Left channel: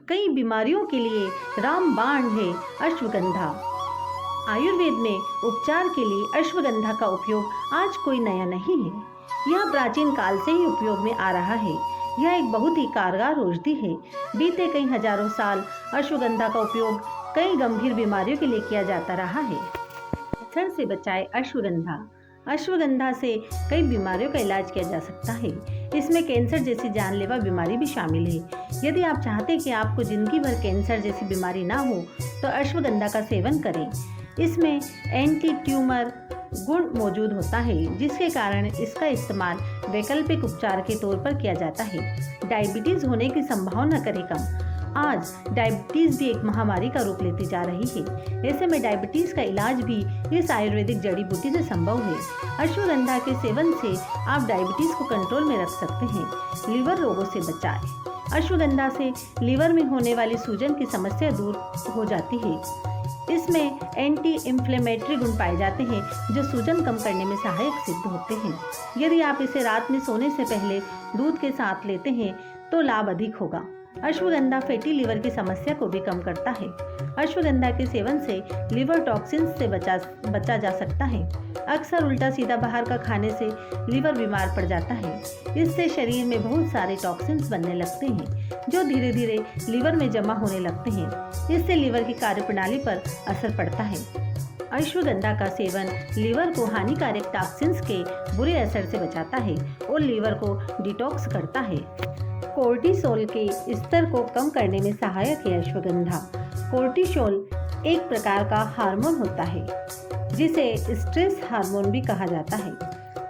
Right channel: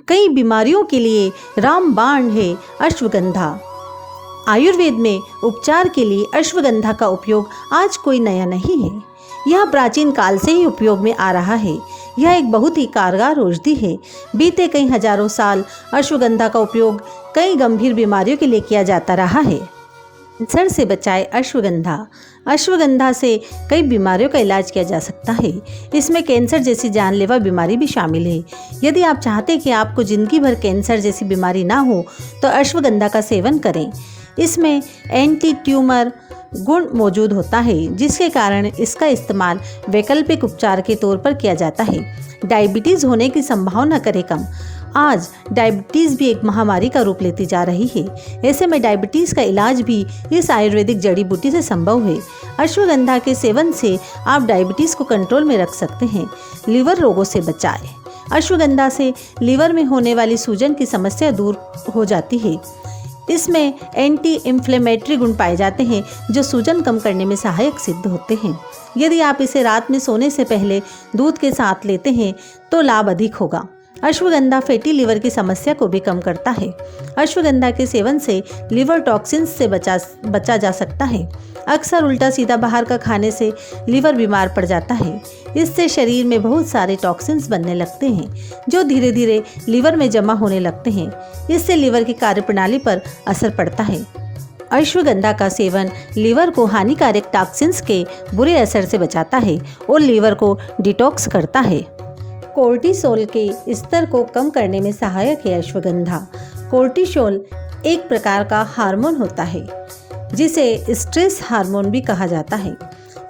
कई बीमारियों के लिए रामबाण है अश्वगंधा। आयुर्वेद में उपचार के लिए अश्वगंधा का उपयोग आज कोई नया नहीं है। यह प्राचीन काल से ही उपयोग में आ रहा है। यह एक बहुत ही कारगर औषधि है। बीते कई हजारों साल अश्वगंधा का उपयोग कई गंभीर बीमारियों के लिए किया जाता रहा है। कैंसर से बचाए अश्वगंधा। अश्वगंधा से कई बीमारियों का इलाज किया जा सकता है। इसमें कैंसर जैसी जानलेवा बीमारी भी शामिल है। यदि आप चाहते हैं कि आपको जिंदगी भर कैंसर जैसी बीमारी ना हो तो अश्वगंधा का सेवन करें। इसमें एंटी ट्यूमर गुण मौजूद होता है, जिसके कारण इसका इस्तेमाल वैकल्पिक उपचार के तौर पर किया जाता है। डायबिटीज़ होने की संभावना करे कम। आज डायबिटीज़ भी एक महामारी का रूप लेती जा रही है। ऐसे में डायबिटीज़ का इलाज भी इस आयुर्वेदिक जड़ी बूटी से संभव है। अश्वगंधा के सेवन से आप डायबिटीज़ को कंट्रोल में रख सकते हैं। लीवर रोगों से बचाएं। अश्वगंधा से लीवर में होने वाली सूजन की समस्या दूर हो जाती है। इसमें एंटी इन्फ्लेमेटरी गुण पाए जाते हैं जो सूजन कम करने में सहायक सिद्ध होते हैं। यदि आप इसे रात में सोने से पहले दूध के साथ लेते हैं तो लाभ अधिक होगा। अश्वगंधा फैटी लीवर की समस्या को भी कम करता है। अश्वगंधा के सेवन से लिवर टॉक्सिन्स से बचा जा सकता है। अक्सर उल्टा सीधा बाहर का खाने से लीवर बीमार पड़ जाता है। इससे शरीर में बहुत सारे टॉक्सिन्स बनने लगते हैं जो धीरे धीरे लीवर में जमा होने लगते हैं। इससे लीवर की कार्यप्रणाली पर असर पड़ता है। अश्वगंधा का सेवन लीवर को हानिकारक टॉक्सिन्स के बुरे असर से बचाता है और लीवर को डिटॉक्स करता है। कोर्टिसोल के स्तर को कम करने में सहायक है अश्वगंधा। कोर्टिसोल एक प्रकार का हार्मोन होता है जिसे स्ट्रेस हार्मोन भी कहा जाता है।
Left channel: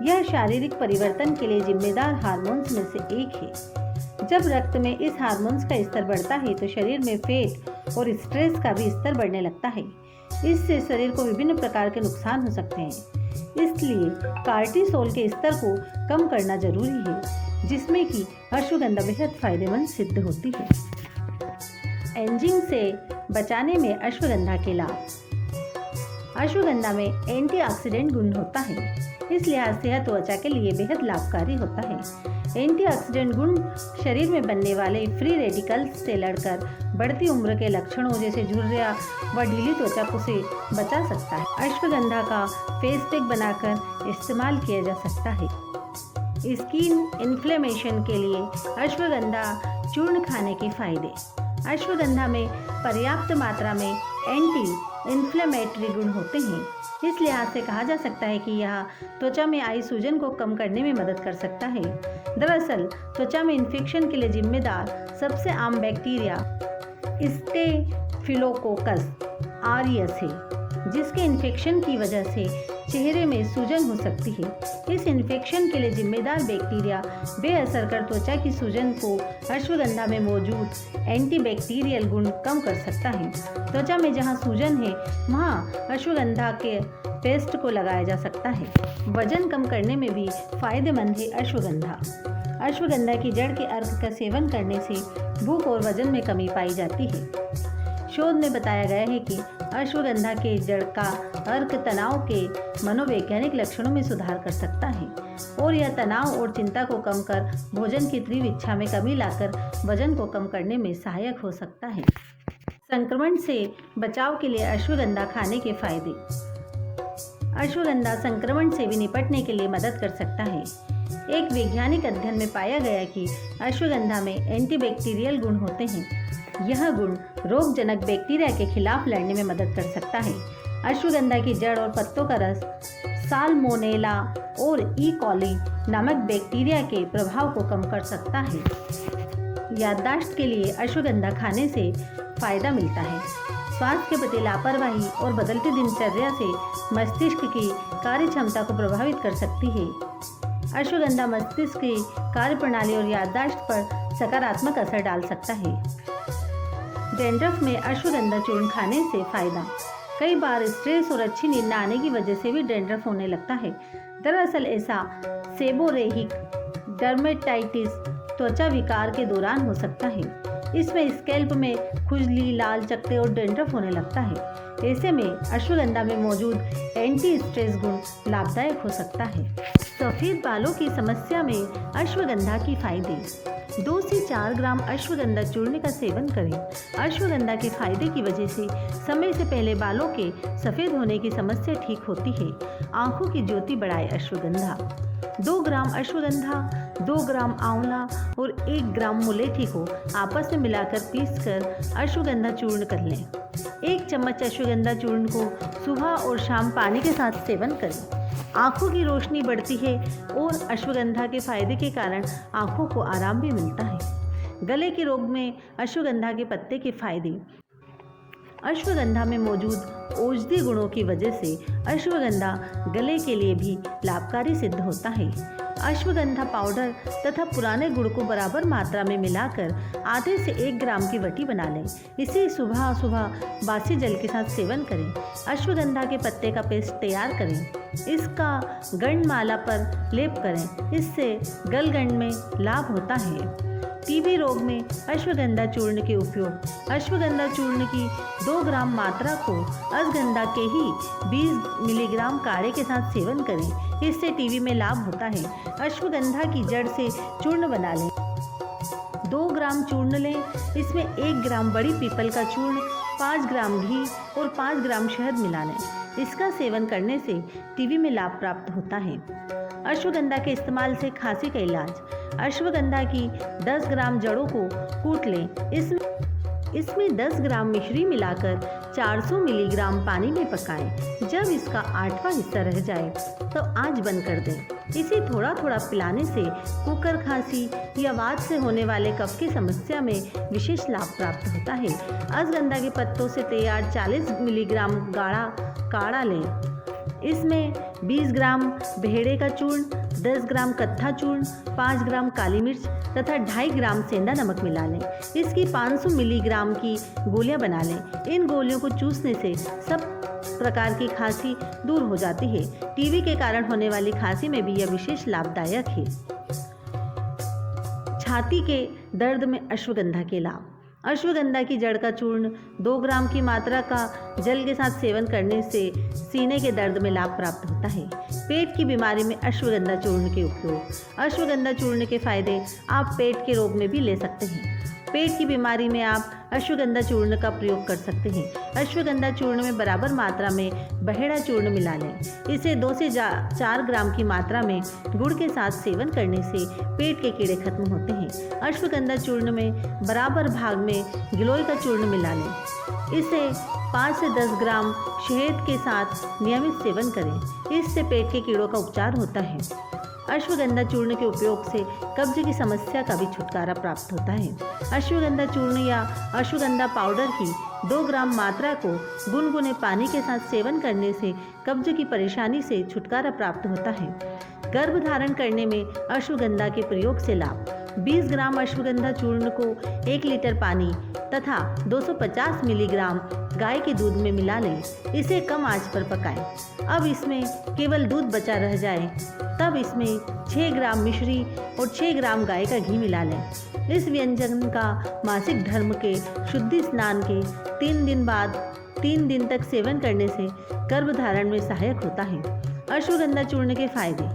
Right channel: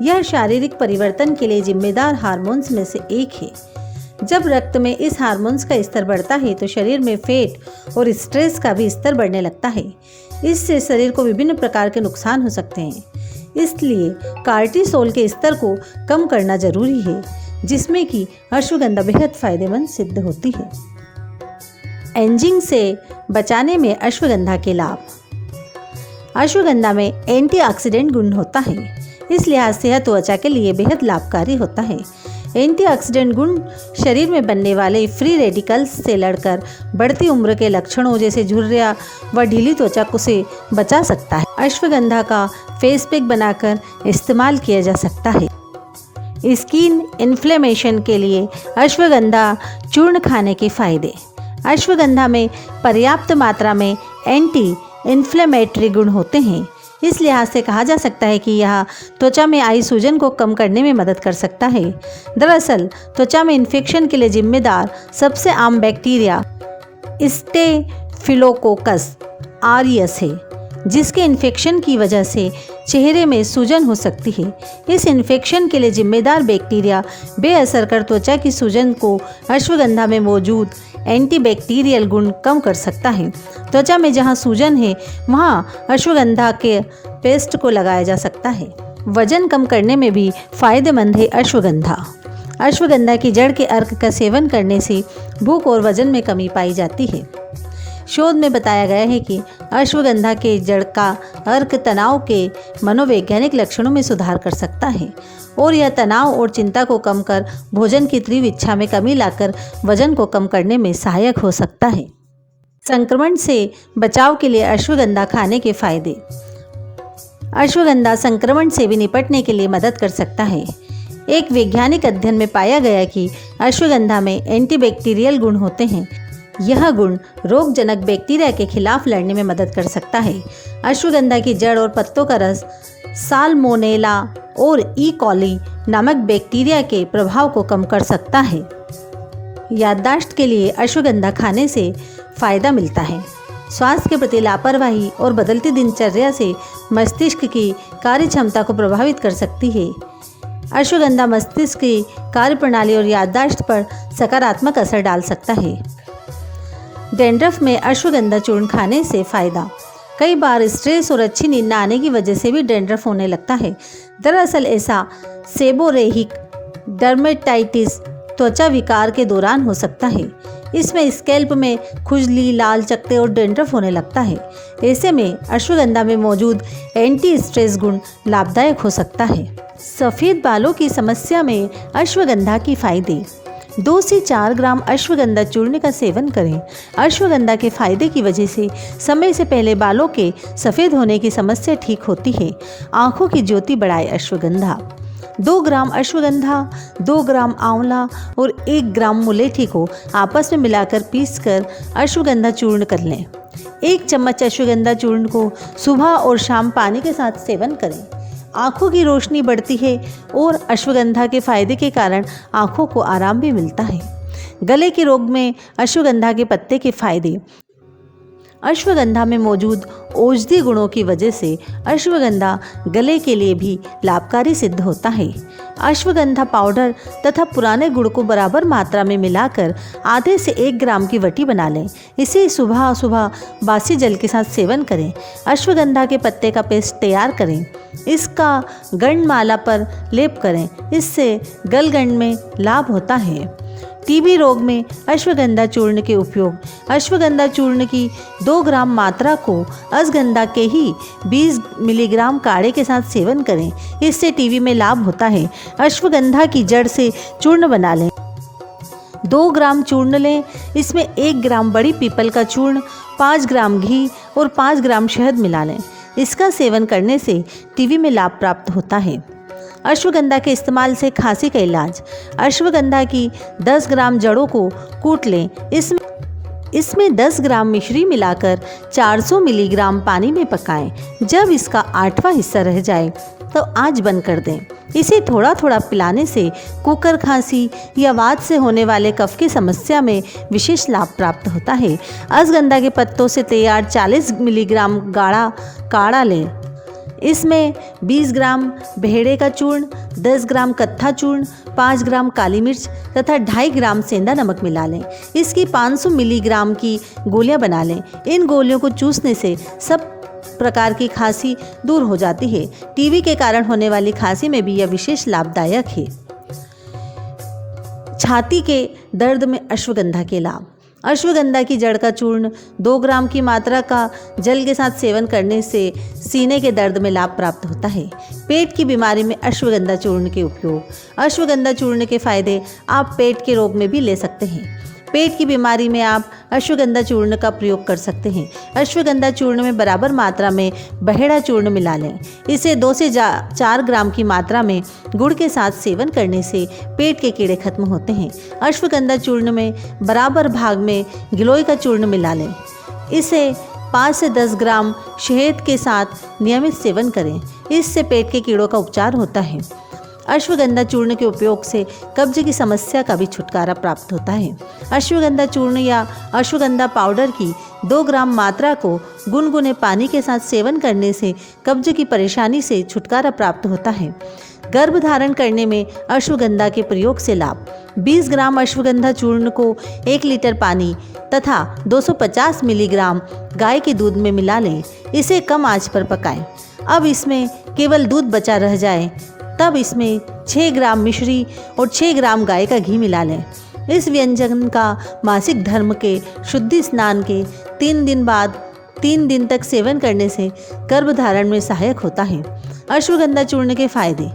यह शारीरिक परिवर्तन के लिए जिम्मेदार हार्मोन्स में से एक है। जब रक्त में इस हार्मोन्स का स्तर बढ़ता है तो शरीर में फैट और स्ट्रेस का भी स्तर बढ़ने लगता है। इससे शरीर को विभिन्न प्रकार के नुकसान हो सकते हैं। इसलिए कोर्टिसोल के स्तर को कम करना जरूरी है, जिसमें कि अश्वगंधा बेहद फायदेमंद सिद्ध होती है। एजिंग से बचाने में अश्वगंधा के लाभ। अश्वगंधा में एंटीऑक्सीडेंट गुण होता है, इस लिहाज से यह त्वचा के लिए बेहद लाभकारी होता है। एंटीऑक्सीडेंट गुण शरीर में बनने वाले फ्री रेडिकल्स से लड़कर बढ़ती उम्र के लक्षणों जैसे झुर्रियां व ढीली त्वचा को से बचा सकता है। अश्वगंधा का फेस पैक बनाकर इस्तेमाल किया जा सकता है। स्किन इन्फ्लेमेशन के लिए अश्वगंधा चूर्ण खाने के फायदे। अश्वगंधा में पर्याप्त मात्रा में एंटी इन्फ्लेमेटरी गुण होते हैं। इस लिहाज से कहा जा सकता है कि यह त्वचा में आई सूजन को कम करने में मदद कर सकता है। दरअसल त्वचा में इन्फेक्शन के लिए जिम्मेदार सबसे आम बैक्टीरिया स्टेफिलोकोकस ऑरियस है, जिसके इन्फेक्शन की वजह से चेहरे में सूजन हो सकती है। इस इन्फेक्शन के लिए जिम्मेदार बैक्टीरिया बेअसर कर त्वचा की सूजन को अश्वगंधा में मौजूद एंटीबैक्टीरियल गुण कम कर सकता है। त्वचा में जहां सूजन है वहां अश्वगंधा के पेस्ट को लगाया जा सकता है। वजन कम करने में भी फायदेमंद है अश्वगंधा। अश्वगंधा की जड़ के अर्क का सेवन करने से भूख और वजन में कमी पाई जाती है। शोध में बताया गया है कि अश्वगंधा के जड़ का अर्क तनाव के मनोवैज्ञानिक लक्षणों में सुधार कर सकता है और यह तनाव और चिंता को कम कर भोजन की तीव्र इच्छा में कमी लाकर वजन को कम करने में सहायक हो सकता है। संक्रमण से बचाव के लिए अश्वगंधा खाने के फायदे। अश्वगंधा संक्रमण से भी निपटने के लिए मदद कर सकता है। एक वैज्ञानिक अध्ययन में पाया गया कि अश्वगंधा में एंटीबैक्टीरियल गुण होते हैं। यह गुण रोगजनक बैक्टीरिया के खिलाफ लड़ने में मदद कर सकता है। अश्वगंधा की जड़ और पत्तों का रस साल्मोनेला और ई कॉली नामक बैक्टीरिया के प्रभाव को कम कर सकता है। याददाश्त के लिए अश्वगंधा खाने से फायदा मिलता है। स्वास्थ्य के प्रति लापरवाही और बदलती दिनचर्या से मस्तिष्क की कार्य क्षमता को प्रभावित कर सकती है। अश्वगंधा मस्तिष्क की कार्यप्रणाली और याददाश्त पर सकारात्मक असर डाल सकता है। डैंड्रफ में अश्वगंधा चूर्ण खाने से फायदा। कई बार स्ट्रेस और अच्छी नींद न आने की वजह से भी डैंड्रफ होने लगता है। दरअसल ऐसा सेबोरेहिक डर्मेटाइटिस त्वचा विकार के दौरान हो सकता है। इसमें स्कैल्प में खुजली, लाल चकत्ते और डैंड्रफ होने लगता है। ऐसे में अश्वगंधा में मौजूद एंटी स्ट्रेस गुण लाभदायक हो सकता है। सफ़ेद बालों की समस्या में अश्वगंधा की फायदे। 2 से 4 ग्राम अश्वगंधा चूर्ण का सेवन करें। अश्वगंधा के फायदे की वजह से समय से पहले बालों के सफ़ेद होने की समस्या ठीक होती है। आँखों की ज्योति बढ़ाए अश्वगंधा। 2 ग्राम अश्वगंधा, 2 ग्राम आंवला और 1 ग्राम मुलेठी को आपस में मिलाकर पीसकर अश्वगंधा चूर्ण कर लें। 1 चम्मच अश्वगंधा चूर्ण को सुबह और शाम पानी के साथ सेवन करें। आँखों की रोशनी बढ़ती है और अश्वगंधा के फायदे के कारण आँखों को आराम भी मिलता है। गले के रोग में अश्वगंधा के पत्ते के फायदे। अश्वगंधा में मौजूद औषधि गुणों की वजह से अश्वगंधा गले के लिए भी लाभकारी सिद्ध होता है। अश्वगंधा पाउडर तथा पुराने गुड़ को बराबर मात्रा में मिलाकर आधे से 1 ग्राम की वटी बना लें। इसे सुबह सुबह बासी जल के साथ सेवन करें। अश्वगंधा के पत्ते का पेस्ट तैयार करें। इसका गंडमाला पर लेप करें। इससे गलगंड में लाभ होता है। टीबी रोग में अश्वगंधा चूर्ण के उपयोग। अश्वगंधा चूर्ण की 2 ग्राम मात्रा को अश्वगंधा के ही 20 मिलीग्राम काढ़े के साथ सेवन करें। इससे टीबी में लाभ होता है। अश्वगंधा की जड़ से चूर्ण बना लें। 2 ग्राम चूर्ण लें। इसमें 1 ग्राम बड़ी पीपल का चूर्ण, 5 ग्राम घी और 5 ग्राम शहद मिला लें। इसका सेवन करने से टीबी में लाभ प्राप्त होता है। अश्वगंधा के इस्तेमाल से खांसी का इलाज। अश्वगंधा की 10 ग्राम जड़ों को कूट लें। इसमें 10 ग्राम मिश्री मिलाकर 400 मिलीग्राम पानी में पकाएं। जब इसका 8वां हिस्सा रह जाए तो आंच बंद कर दें। इसे थोड़ा थोड़ा पिलाने से कुकर खांसी या वात से होने वाले कफ की समस्या में विशेष लाभ प्राप्त होता है। अश्वगंधा के पत्तों से तैयार 40 मिलीग्राम गाढ़ा काढ़ा लें। इसमें 20 ग्राम भेड़े का चूर्ण, 10 ग्राम कत्था चूर्ण, 5 ग्राम काली मिर्च तथा 2.5 ग्राम सेंधा नमक मिला लें। इसकी 500 मिलीग्राम की गोलियां बना लें। इन गोलियों को चूसने से सब प्रकार की खांसी दूर हो जाती है। टीबी के कारण होने वाली खांसी में भी यह विशेष लाभदायक है। छाती के दर्द में अश्वगंधा के लाभ। अश्वगंधा की जड़ का चूर्ण 2 ग्राम की मात्रा का जल के साथ सेवन करने से सीने के दर्द में लाभ प्राप्त होता है। पेट की बीमारी में अश्वगंधा चूर्ण के उपयोग। अश्वगंधा चूर्ण के फायदे आप पेट के रोग में भी ले सकते हैं। पेट की बीमारी में आप अश्वगंधा चूर्ण का प्रयोग कर सकते हैं। अश्वगंधा चूर्ण में बराबर मात्रा में बहेड़ा चूर्ण मिला लें। इसे 2 से 4 ग्राम की मात्रा में गुड़ के साथ सेवन करने से पेट के कीड़े खत्म होते हैं। अश्वगंधा चूर्ण में बराबर भाग में गिलोय का चूर्ण मिला लें। इसे 5 से 10 ग्राम शहद के साथ नियमित सेवन करें। इससे पेट के कीड़ों का उपचार होता है। अश्वगंधा चूर्ण के उपयोग से कब्ज की समस्या का भी छुटकारा प्राप्त होता है। अश्वगंधा चूर्ण या अश्वगंधा पाउडर की 2 ग्राम मात्रा को गुनगुने पानी के साथ सेवन करने से कब्ज की परेशानी से छुटकारा प्राप्त होता है। गर्भ धारण करने में अश्वगंधा के प्रयोग से लाभ। 20 ग्राम अश्वगंधा चूर्ण को 1 लीटर पानी तथा 250 मिलीग्राम गाय के दूध में मिला लें। इसे कम आंच पर पकाएं। अब इसमें केवल दूध बचा रह जाए तब इसमें 6 ग्राम मिश्री और 6 ग्राम गाय का घी मिला लें। इस व्यंजन का मासिक धर्म के शुद्धि स्नान के 3 दिन बाद 3 दिन तक सेवन करने से गर्भधारण में सहायक होता है। अश्वगंधा चूर्ण के फायदे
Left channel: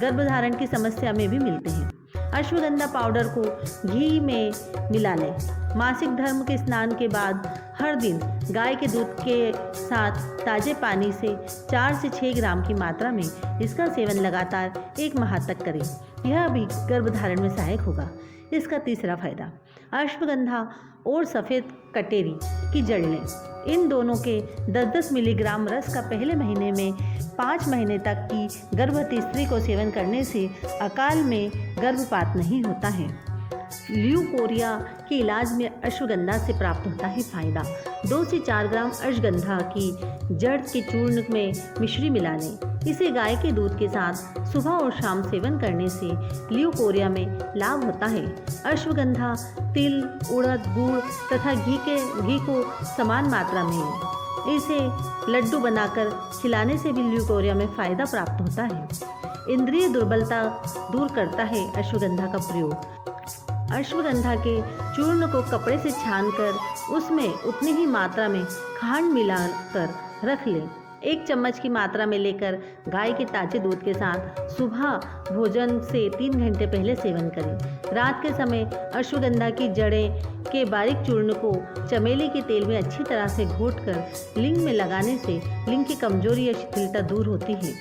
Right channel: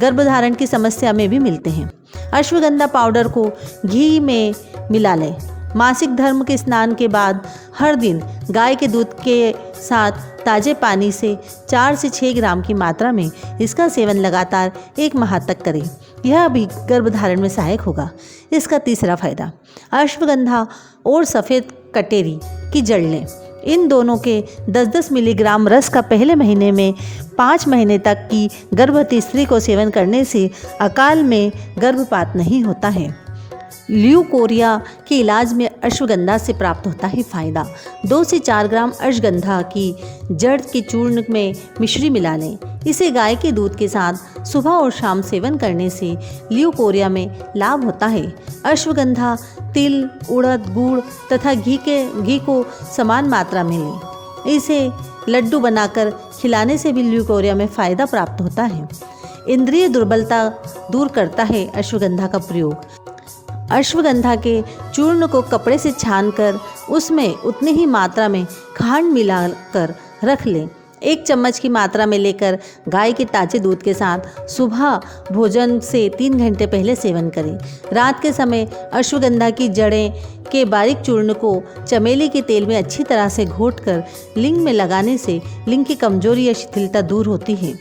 गर्भधारण की समस्या में भी मिलते हैं। अश्वगंधा पाउडर को घी में मिला लें। मासिक धर्म के स्नान के बाद हर दिन गाय के दूध के साथ ताजे पानी से 4 से 6 ग्राम की मात्रा में इसका सेवन लगातार 1 माह तक करें। यह भी गर्भधारण में सहायक होगा। इसका तीसरा फायदा, अश्वगंधा और सफ़ेद कटेरी की जड़ लें। इन दोनों के 10-10 मिलीग्राम रस का पहले महीने में 5 महीने तक की गर्भवती स्त्री को सेवन करने से अकाल में गर्भपात नहीं होता है। ल्यूकोरिया के इलाज में अश्वगंधा से प्राप्त होता है फायदा। 2 से 4 ग्राम अश्वगंधा की जड़ के चूर्ण में मिश्री मिला लें। इसे गाय के दूध के साथ सुबह और शाम सेवन करने से ल्यूकोरिया में लाभ होता है। अश्वगंधा, तिल, उड़द, गुड़ तथा घी को समान मात्रा में लें। इसे लड्डू बनाकर खिलाने से भी ल्यूकोरिया में फ़ायदा प्राप्त होता है। इंद्रिय दुर्बलता दूर करता है अश्वगंधा का प्रयोग। अश्वगंधा के चूर्ण को कपड़े से छानकर उसमें उतनी ही मात्रा में खांड मिलाकर रख लें। 1 चम्मच की मात्रा में लेकर गाय के ताजे दूध के साथ सुबह भोजन से 3 घंटे पहले सेवन करें। रात के समय अश्वगंधा की जड़ें के बारीक चूर्ण को चमेली के तेल में अच्छी तरह से घोटकर लिंग में लगाने से लिंग की कमजोरी या शिथिलता दूर होती है।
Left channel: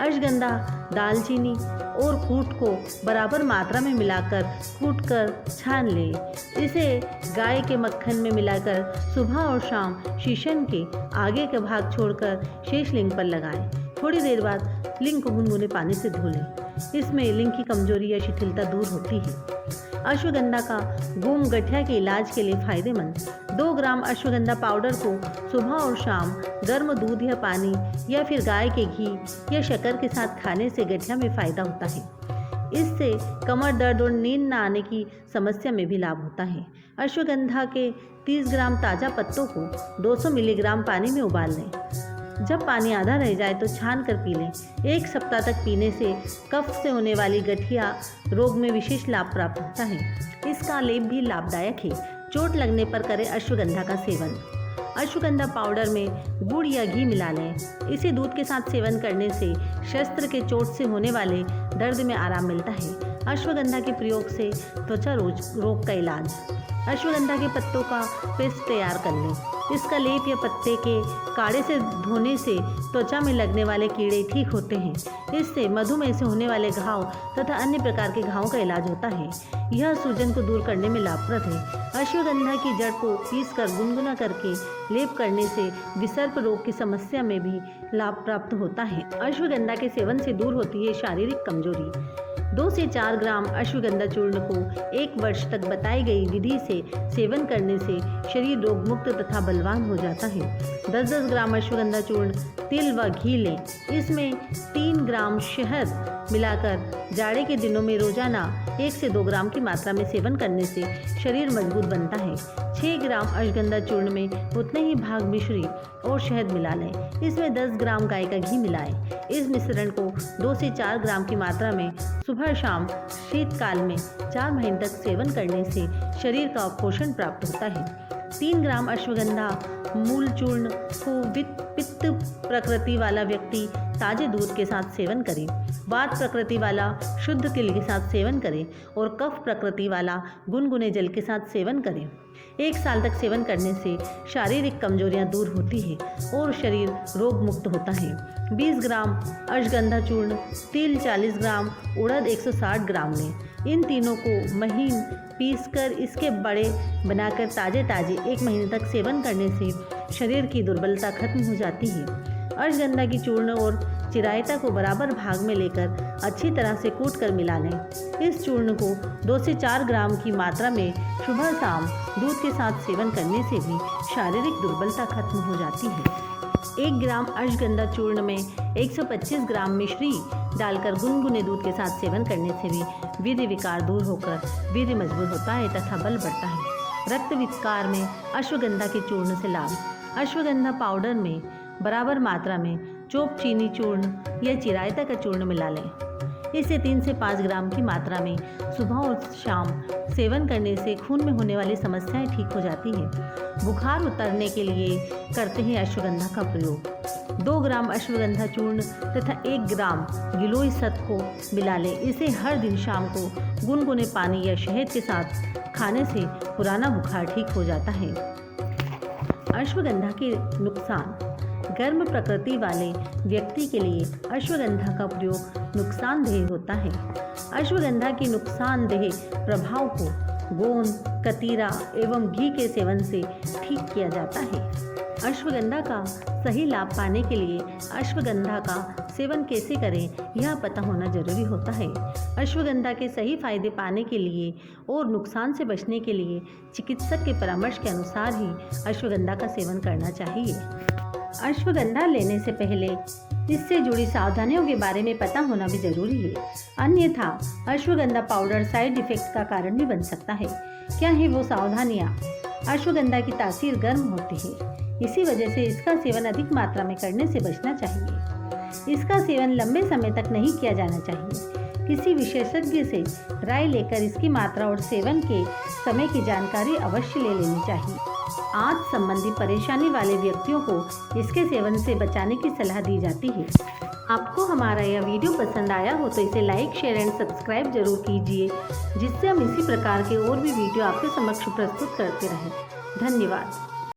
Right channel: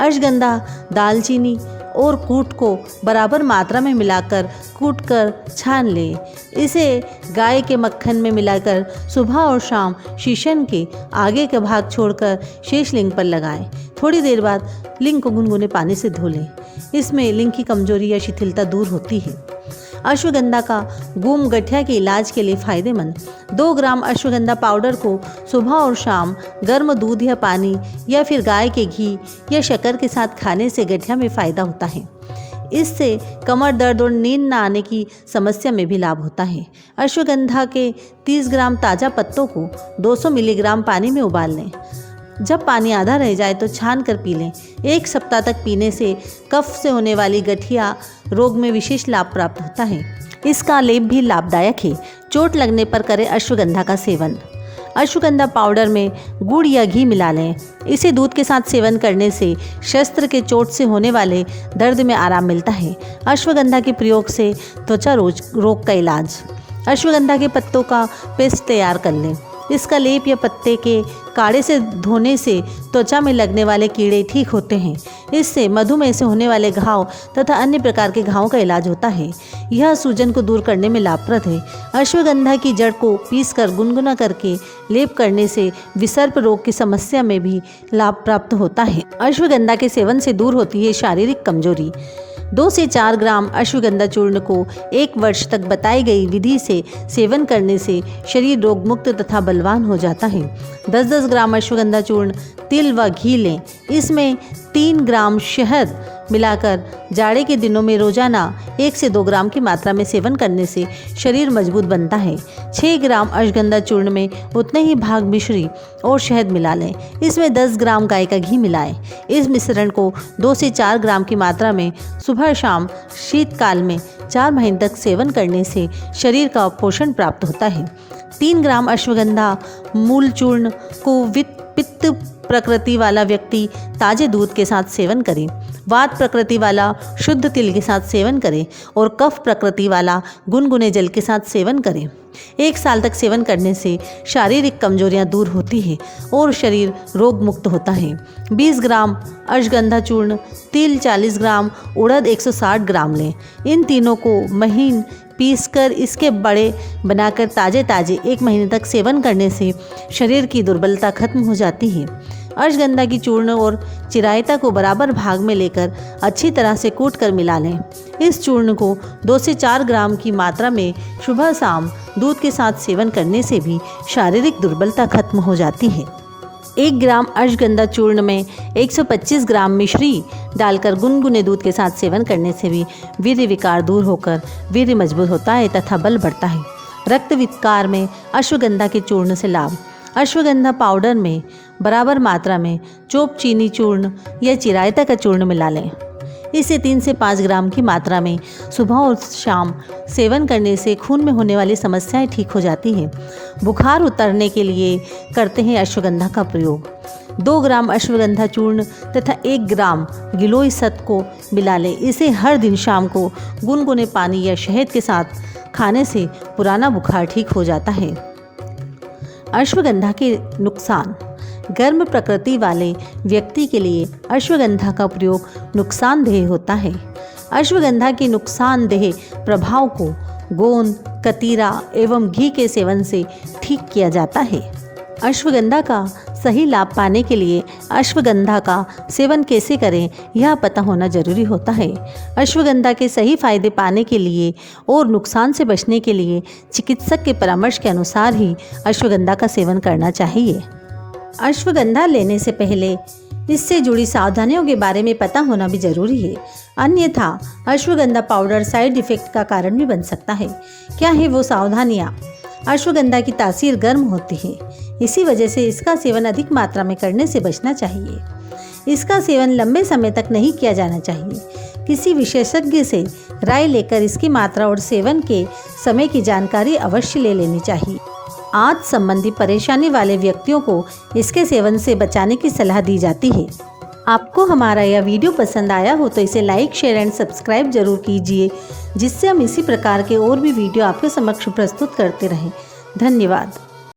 अश्वगंधा, दालचीनी और कूट को बराबर मात्रा में मिलाकर कूटकर छान लें। इसे गाय के मक्खन में मिलाकर सुबह और शाम शीशन के आगे का भाग छोड़कर शेष लिंग पर लगाएं। थोड़ी देर बाद लिंग को गुनगुने पानी से धो लें। इसमें लिंग की कमजोरी या शिथिलता दूर होती है। अश्वगंधा का गूम गठिया के इलाज के लिए फायदेमंद। 2 ग्राम अश्वगंधा पाउडर को सुबह और शाम गर्म दूध या पानी या फिर गाय के घी या शक्कर के साथ खाने से गठिया में फ़ायदा होता है। इससे कमर दर्द और नींद न आने की समस्या में भी लाभ होता है। अश्वगंधा के 30 ग्राम ताज़ा पत्तों को 200 मिलीग्राम पानी में उबाल लें। जब पानी आधा रह जाए तो छान कर पी लें। 1 सप्ताह तक पीने से कफ से होने वाली गठिया रोग में विशेष लाभ प्राप्त होता है। इसका लेप भी लाभदायक है। चोट लगने पर करें अश्वगंधा का सेवन। अश्वगंधा पाउडर में गुड़ या घी मिला लें। इसे दूध के साथ सेवन करने से शस्त्र के चोट से होने वाले दर्द में आराम मिलता है। अश्वगंधा के प्रयोग से त्वचा रोग का इलाज। अश्वगंधा के पत्तों का पेस्ट तैयार कर लें। इसका लेप या पत्ते के काढ़े से धोने से त्वचा में लगने वाले कीड़े ठीक होते हैं। इससे मधुमेह से होने वाले घाव तथा अन्य प्रकार के घावों का इलाज होता है। यह सूजन को दूर करने में लाभप्रद है। अश्वगंधा की जड़ को पीसकर गुनगुना करके लेप करने से विसर्प रोग की समस्या में भी लाभ प्राप्त होता है। अश्वगंधा के सेवन से दूर होती है शारीरिक कमजोरी। 2 से 4 ग्राम अश्वगंधा चूर्ण को 1 वर्ष तक बताई गई विधि से सेवन करने से शरीर रोग मुक्त तथा बलवान हो जाता है। 10-10 ग्राम अश्वगंधा चूर्ण, तिल व घी लें। इसमें 3 ग्राम शहद मिलाकर जाड़े के दिनों में रोजाना 1 से 2 ग्राम की मात्रा में सेवन करने से शरीर मजबूत बनता है। 6 ग्राम अश्वगंधा चूर्ण में उतने ही भाग मिश्री और शहद मिला लें। इसमें 10 ग्राम गाय का घी मिलाएं। इस मिश्रण को 2 से 4 ग्राम की मात्रा में सुबह शाम शीतकाल में 4 महीने तक सेवन करने से शरीर का पोषण प्राप्त होता है। 3 ग्राम अश्वगंधा मूल चूर्ण को पित्त प्रकृति वाला व्यक्ति ताजे दूध के साथ सेवन करें। वात प्रकृति वाला शुद्ध तिल के साथ सेवन करें और कफ प्रकृति वाला गुनगुने जल के साथ सेवन करें। 1 साल तक सेवन करने से शारीरिक कमजोरियां दूर होती है और शरीर रोग मुक्त होता है। 20 ग्राम अश्वगंधा चूर्ण, तिल 40 ग्राम, उड़द 160 ग्राम लें। इन तीनों को महीन पीसकर इसके बड़े बनाकर ताजे 1 महीने तक सेवन करने से शरीर की दुर्बलता खत्म हो जाती है। अश्वगंधा की चूर्ण और चिरायता को बराबर भाग में लेकर अच्छी तरह से कूट कर मिला लें। इस चूर्ण को 2 से 4 ग्राम की मात्रा में सुबह शाम दूध के साथ सेवन करने से भी शारीरिक दुर्बलता खत्म हो जाती है। 1 ग्राम अश्वगंधा चूर्ण में 125 ग्राम मिश्री डालकर गुनगुने दूध के साथ सेवन करने से भी वीर्य विकार दूर होकर वीर्य मजबूत होता है तथा बल बढ़ता है। रक्त विकार में अश्वगंधा के चूर्ण से लाभ। अश्वगंधा पाउडर में बराबर मात्रा में चोप चीनी चूर्ण या चिरायता का चूर्ण मिला लें। इसे 3 से 5 ग्राम की मात्रा में सुबह और शाम सेवन करने से खून में होने वाली समस्याएं ठीक हो जाती हैं। बुखार उतरने के लिए करते हैं अश्वगंधा का प्रयोग। 2 ग्राम अश्वगंधा चूर्ण तथा 1 ग्राम गिलोय सत को मिला लें। इसे हर दिन शाम को गुनगुने पानी या शहद के साथ खाने से पुराना बुखार ठीक हो जाता है। अश्वगंधा के नुकसान। गर्म प्रकृति वाले व्यक्ति के लिए अश्वगंधा का प्रयोग नुकसानदेह होता है। अश्वगंधा के नुकसानदेह प्रभाव को गोंद, कतीरा एवं घी के सेवन से ठीक किया जाता है। अश्वगंधा का सही लाभ पाने के लिए अश्वगंधा का सेवन कैसे करें यह पता होना जरूरी होता है। अश्वगंधा के सही फायदे पाने के लिए और नुकसान से बचने के लिए चिकित्सक के परामर्श के अनुसार ही अश्वगंधा का सेवन करना चाहिए। अश्वगंधा लेने से पहले इससे जुड़ी सावधानियों के बारे में पता होना भी जरूरी है, अन्यथा अश्वगंधा पाउडर साइड इफेक्ट का कारण भी बन सकता है। क्या है वो सावधानियाँ? अश्वगंधा की तासीर गर्म होती है, इसी वजह से इसका सेवन अधिक मात्रा में करने से बचना चाहिए। इसका सेवन लंबे समय तक नहीं किया जाना चाहिए। किसी विशेषज्ञ से राय लेकर इसकी मात्रा और सेवन के समय की जानकारी अवश्य ले लेनी चाहिए। आंत संबंधी परेशानी वाले व्यक्तियों को इसके सेवन से बचाने की सलाह दी जाती है। आपको हमारा यह वीडियो पसंद आया हो तो इसे लाइक, शेयर एंड सब्सक्राइब जरूर कीजिए, जिससे हम इसी प्रकार के और भी वीडियो आपके समक्ष प्रस्तुत करते रहें। धन्यवाद।